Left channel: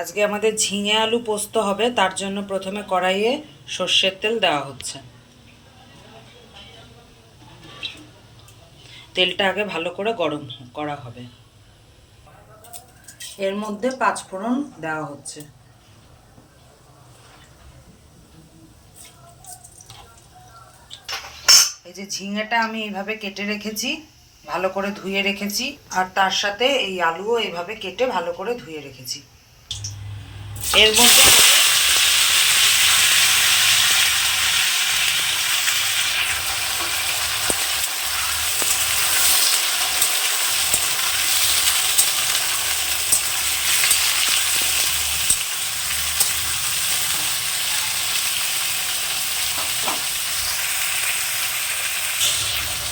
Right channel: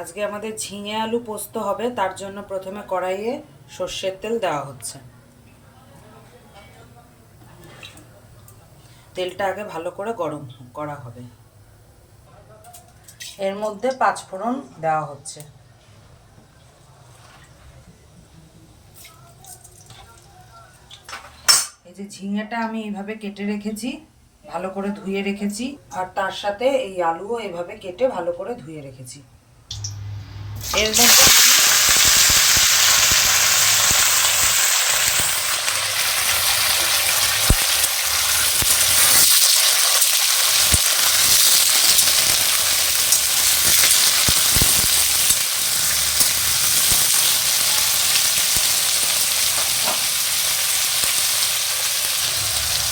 আজকে আমাদের ঝিঙে আলু পোস্ত হবে, তার জন্য প্রথমে কড়াইয়ে সর্ষের তেল দেওয়া হচ্ছে। তেলটা আগে ভালো করে গরম করা হবে। এর মধ্যে 5 ফোড়ন দেওয়া হচ্ছে। এই যে ঝিঙেটা আমি এইভাবে কেটে রেখেছি, ভালো করে ধুয়ে রেখেছি, আর তার সাথে এই আলুও এইভাবে কেটে ভালো করে ধুয়ে রেখেছি। এর মধ্যে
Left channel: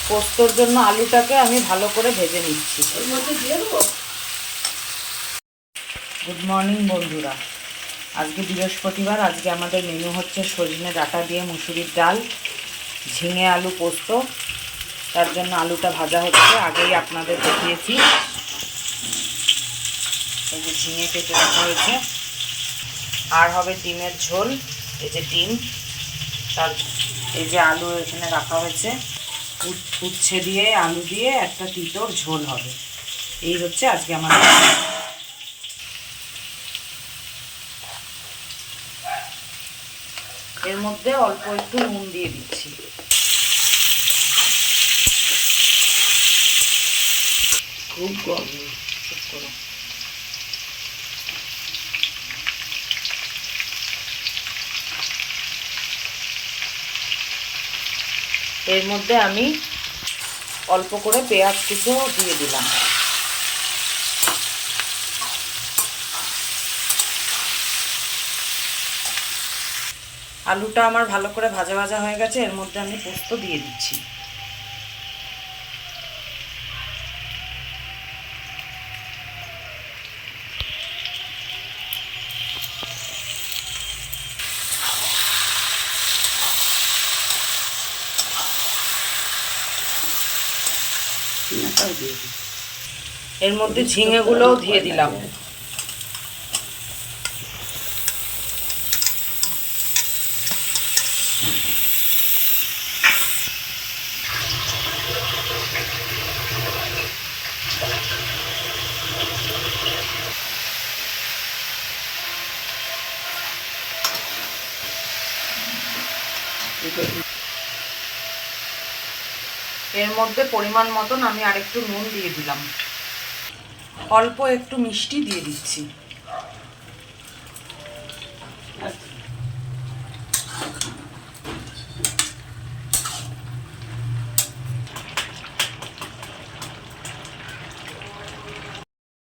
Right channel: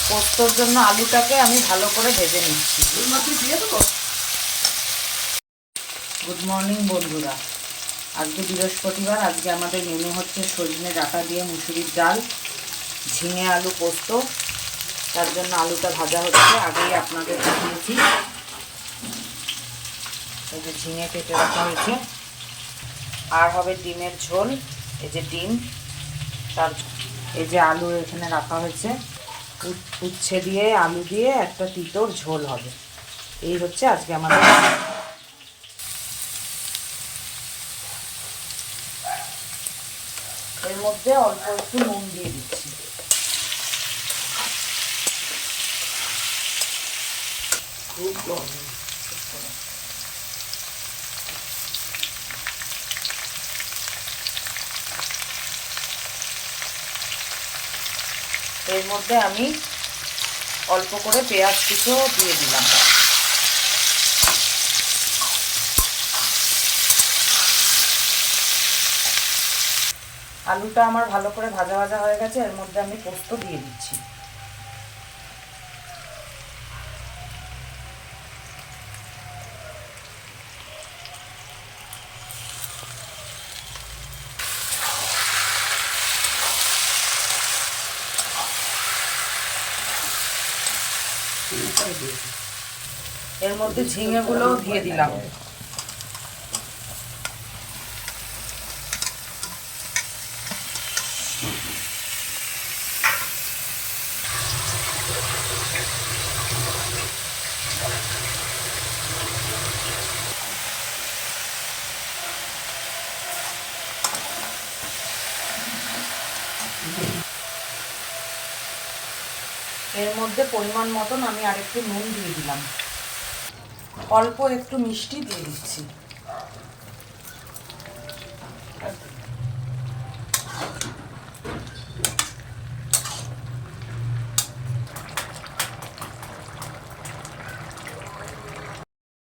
পোস্তর জন্য আলুটাকে আমি ভালো করে ভেজে নিচ্ছি। গুড মর্নিং বন্ধুরা, আজকে বৃহস্পতিবার। আজকে আমাদের মেনু হচ্ছে সজনে ডাঁটা দিয়ে মুসুরির ডাল, ঝিঙে আলু পোস্ত। তার জন্য আলুটা ভাজা হচ্ছে, আগেই আপনাদের দেখিয়েছি। এই যে ঝিঙে কেটে রাখা হয়েছে। আর হবে ডিমের ঝোল, এই যে ডিম, তার এই যে আলু এখানে রাখা হয়েছে। উচ্ছে দিয়ে আলু দিয়ে একটা তিতর ঝোল হবে। এই হচ্ছে আজকে আমাদের। এর মধ্যে অল্প একটু নুন দিয়ে দিচ্ছি। এর মধ্যে আমি অল্প করে পেঁয়াজ কুচো দিয়ে দিলাম। আলুটা আমার ভালো করে ভাজা ভাজা হয়ে গেছে। এর মধ্যে আমি পোস্ত দিয়ে দিচ্ছি। এর মধ্যে ঝিঙেগুলোও দিয়ে দিলাম। এর মধ্যে পরিমাণ মতন আমি আরেকটু নুন দিয়ে দিলাম। অল্প একটু মিষ্টি দিয়ে দিচ্ছি।